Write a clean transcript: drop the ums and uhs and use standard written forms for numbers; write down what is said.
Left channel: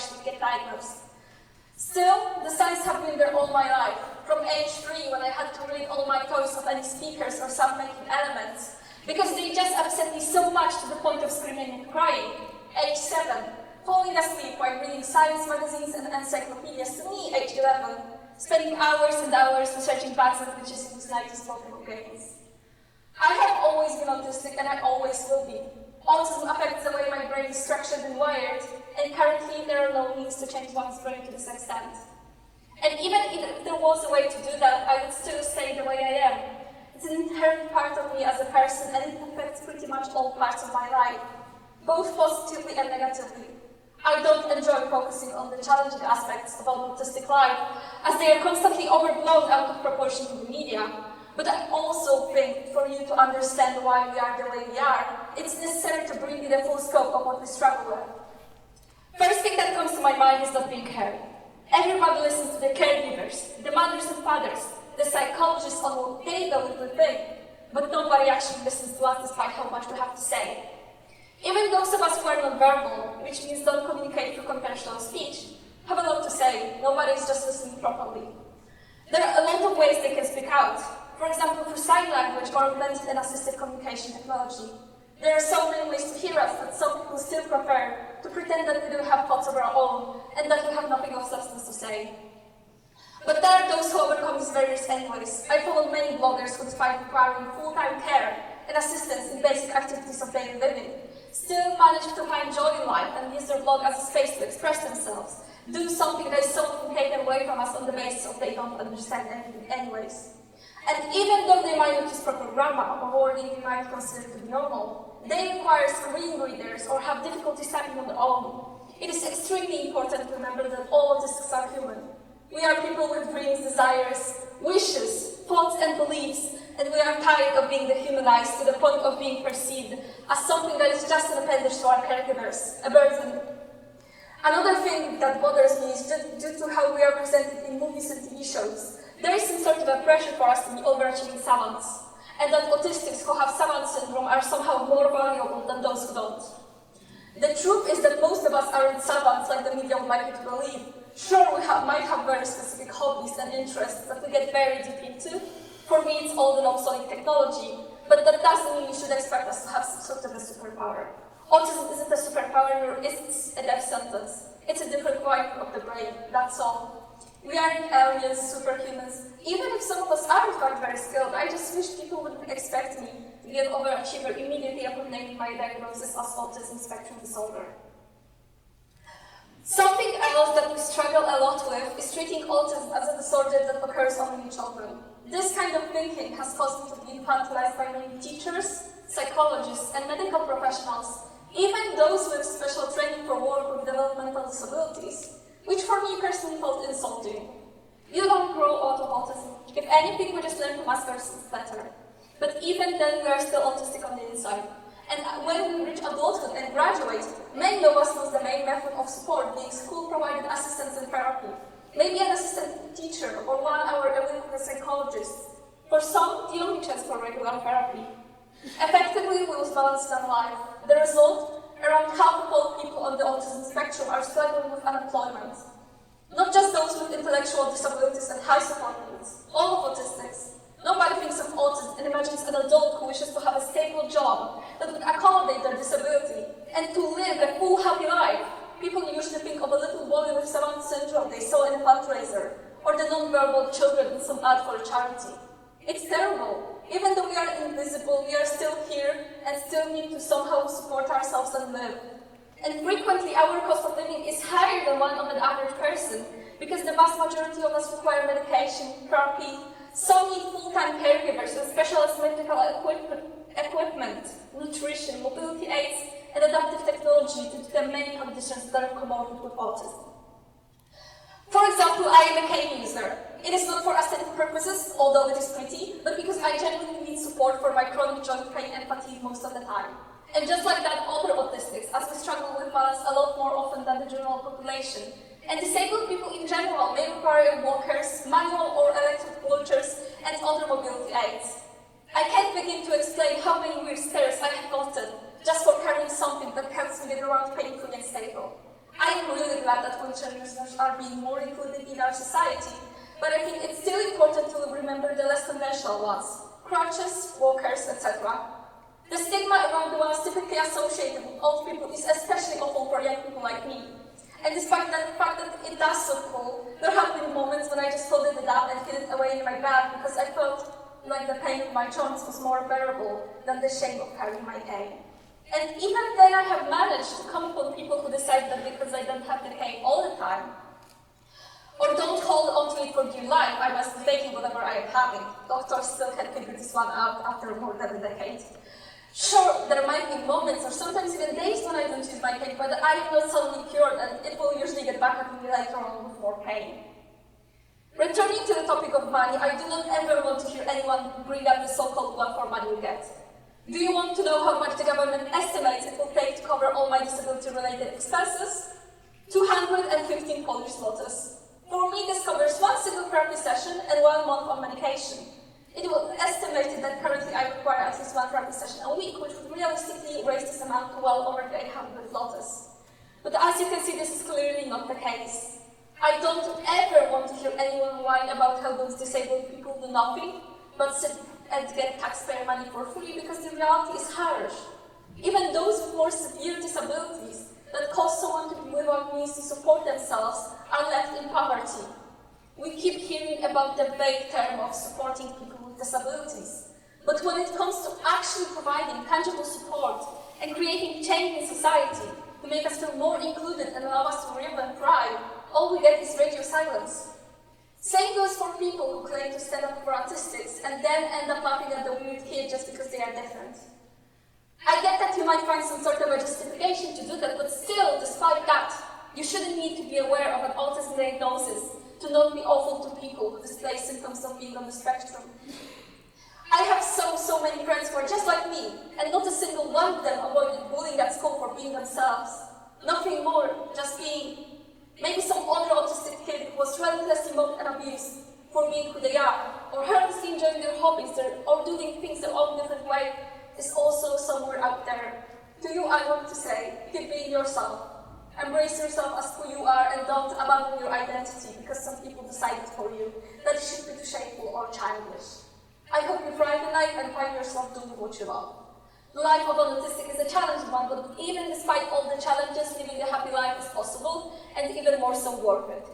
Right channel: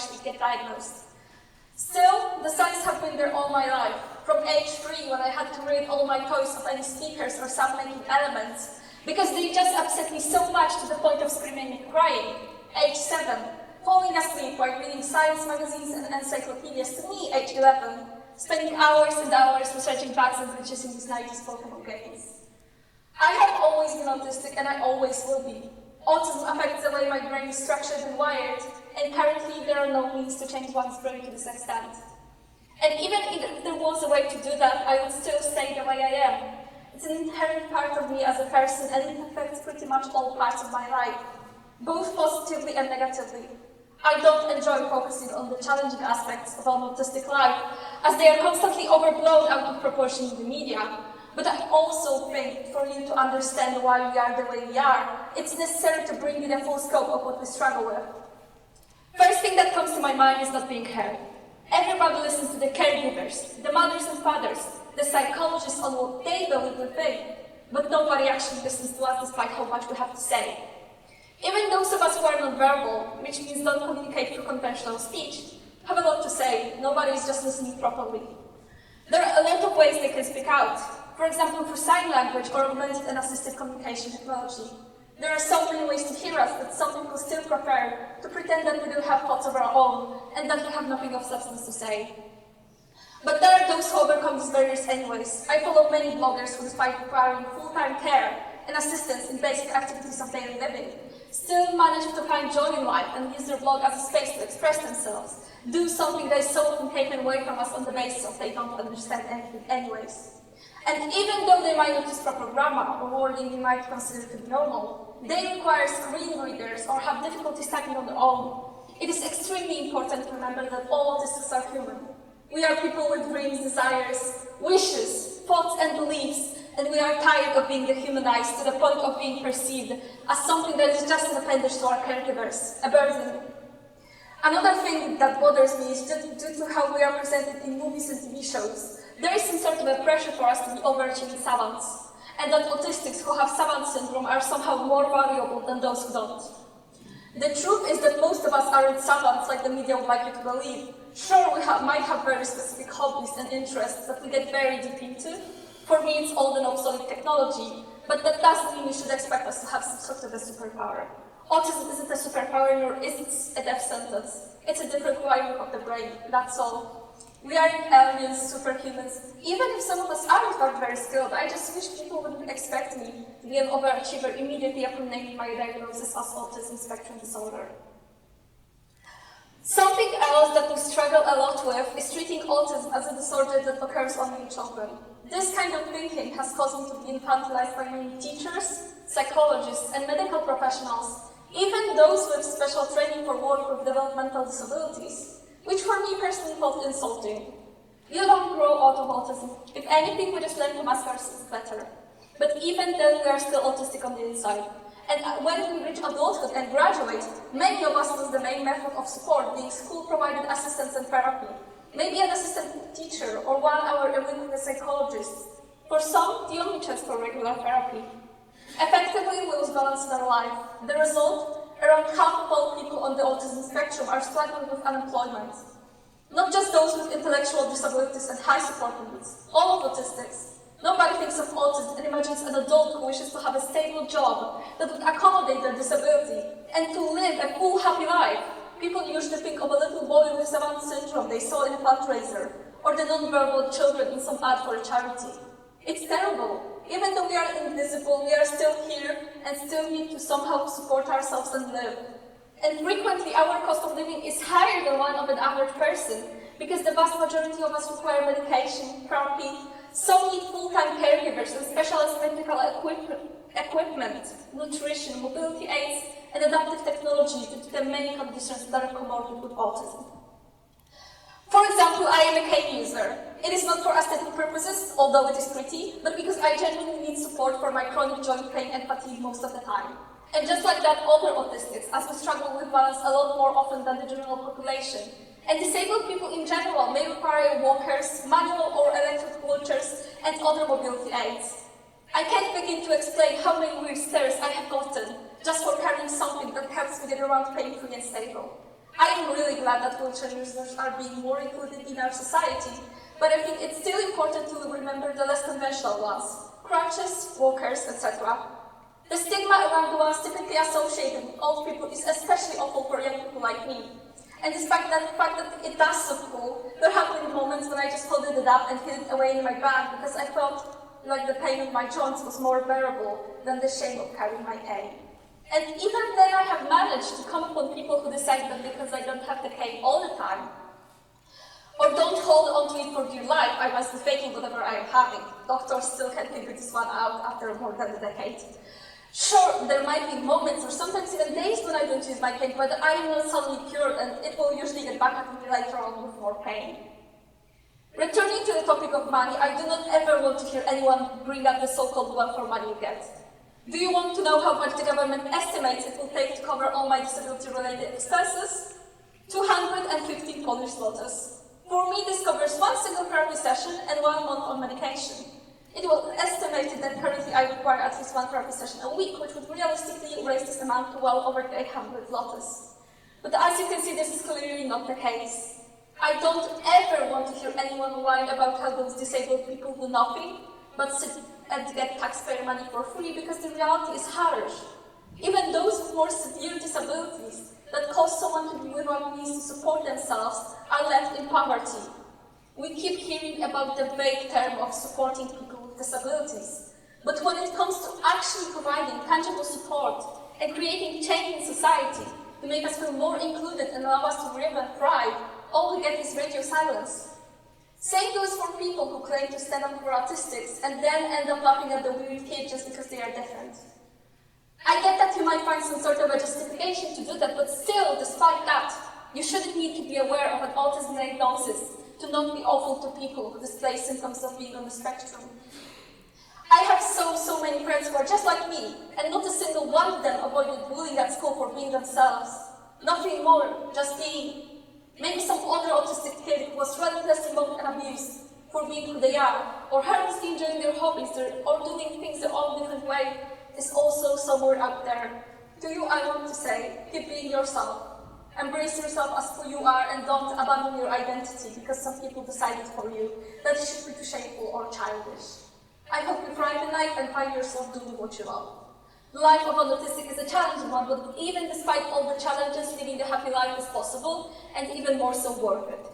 actually get diagnosed. Still, the signs have been there all my life. From age 3, when I had to read all my codes of any speakers or self-making elements, because they just upset me so much to the point of screaming and crying. Age 7, falling asleep while reading science magazines and encyclopedias to me. Age 11, spending hours and hours researching bugs and glitches in these 90s Pokemon games. I have always been autistic and I always will be. Autism affects the way my brain is structured and wired, and currently there are no means to change one's brain to this extent. And even if there was a way to do that, I would still stay the way I am. It's an inherent part of me as a person, and it affects pretty much all parts of my life, both positively and negatively. I don't enjoy focusing on the challenging aspects of an autistic life, as they are constantly overblown out of proportion in the media. But I also think for you to understand why we are the way we are, it's necessary to bring you the full scope of what we struggle with. First thing that comes to my mind is not being heard. Everybody listens to the caregivers, the mothers and fathers, the psychologists on what they believe we think, but nobody actually listens to us despite how much we have to say. Even those of us who are non-verbal, which means don't communicate through conventional speech, have a lot to say. Nobody is just listening properly. There are a lot of ways they can speak out. For example, through sign language or augmented and assisted communication technology. There are so many ways to hear us that some people still prefer to pretend that we do have thoughts of our own and that we have nothing of substance to say. But there are those who overcome these barriers anyways. I follow many bloggers who, despite requiring full-time care and assistance in basic activities of daily living, still manage to find joy in life and use their blog as a space to express themselves, do something that is so often taken away from us on the basis of they don't understand anything anyways. And even though they might use proper grammar or wording we might consider to be normal, they require screen readers or have difficulty typing on their own. It is extremely important to remember that all autistics are human. We are people with dreams, desires, wishes, thoughts and beliefs, and we are tired of being dehumanized to the point of being perceived as something that is just an appendage to our caregivers, a burden. Another thing that bothers me is that due to how we are presented in movies and TV shows, there is some sort of a pressure for us to be overachieving savants, and that autistics who have savant syndrome are somehow more valuable than those who don't. The truth is that most of us aren't savants like the media would like you to believe. Sure, we might have very specific hobbies and interests that we get very deep into. For me, it's old and obsolete technology, but that doesn't mean you should expect us to have some sort of a superpower. Autism isn't a superpower, it's a death sentence. It's a different wiring of the brain, that's all. We aren't aliens, superhumans. Even if some of us aren't very skilled, I just wish people wouldn't expect me to be an overachiever immediately upon naming my diagnosis as autism spectrum disorder. Something else that we struggle a lot with is treating autism as a disorder that occurs only in children. This kind of thinking has caused me to be infantilized by many teachers, psychologists, and medical professionals, even those with special training for work with developmental disabilities, which for me personally felt insulting. You don't grow out of autism. If anything, we just learn to mask ourselves better. But even then, we are still autistic on the inside. And when we reach adulthood and graduate, many of us use the main method of support, being school-provided assistance and therapy. Maybe an assistant teacher or 1 hour a week with a psychologist. For some, the only chance for regular therapy. Effectively, we lose balance in our life. The result? Around half of all people on the autism spectrum are struggling with unemployment. Not just those with intellectual disabilities and high support needs, all of autistics. Nobody thinks of autism and imagines an adult who wishes to have a stable job that would accommodate their disability and to live a full, happy life. People usually think of a little boy with savant syndrome they saw in a fundraiser, or the non-verbal children in some ad for a charity. It's terrible. Even though we are invisible, we are still here and still need to somehow support ourselves and live. And frequently, our cost of living is higher than one of an average person, because the vast majority of us require medication, therapy, so many full-time caregivers with specialized medical equipment, nutrition, mobility aids, and adaptive technology due to the many conditions that are comorbid with autism. For example, I am a cane user. It is not for aesthetic purposes, although it is pretty, but because I genuinely need support for my chronic joint pain and fatigue most of the time. And just like that, other autistics, as we struggle with balance a lot more often than the general population. And disabled people in general may require walkers, manual or electric wheelchairs, and other mobility aids. I can't begin to explain how many weird stares I have gotten just for carrying something that helps me get around painfully and stable. I am really glad that wheelchair users are being more included in our society, but I think it's still important to remember the less conventional ones: crutches, walkers, etc. The stigma around the ones typically associated with old people is especially awful for young people like me. And despite the fact that it does look cool, there have been moments when I just folded it up and hid it away in my bag because I felt like the pain in my joints was more bearable than the shame of carrying my cane. And even then I have managed to come upon people who decide that because I don't have the cane all the time, or don't hold on to it for dear life, I must be faking whatever I am having. Doctors still can't figure this one out after more than a decade. Sure, there might be moments or sometimes even days when I don't use my cane, but I am not suddenly cured and it will usually get back at me later on with more pain. Returning to the topic of money, I do not ever want to hear anyone bring up the so-called one for money you get. Do you want to know how much the government estimates it will take to cover all my disability-related expenses? 215 Polish zlotys. For me, this covers one single therapy session and 1 month on medication. It was estimated that currently I require at least 1 therapy session a week, which would realistically raise this amount to well over 800 zlotys. But as you can see, this is clearly not the case. I don't ever want to hear anyone whine about how those disabled people do nothing but sit and get taxpayer money for free, because the reality is harsh. Even those with more severe disabilities that cause someone to be without means to support themselves are left in poverty. We keep hearing about the vague term of supporting people with disabilities, but when it comes to actually providing tangible support and creating change in society to make us feel more included and allow us to live and thrive, all we get is radio silence. Same goes for people who claim to stand up for autistics and then end up laughing at the weird kid just because they are different. I get that you might find some sort of a justification to do that, but still, despite that, you shouldn't need to be aware of an autism diagnosis to not be awful to people who display symptoms of being on the spectrum. I have so many friends who are just like me, and not a single one of them avoided bullying at school for being themselves. Nothing more, just being. Maybe some other autistic kid was relentlessly mocked and abused for being who they are, or harmlessly enjoying their hobbies, or doing things their own different way, is also somewhere out there. To you, I want to say, keep being yourself. Embrace yourself as who you are and don't abandon your identity because some people decided for you that it should be too shameful or childish. I hope you thrive in life and find yourself doing what you love. The life of an autistic is a challenging one, but even despite all the challenges, living a happy life is possible and even more so worth it.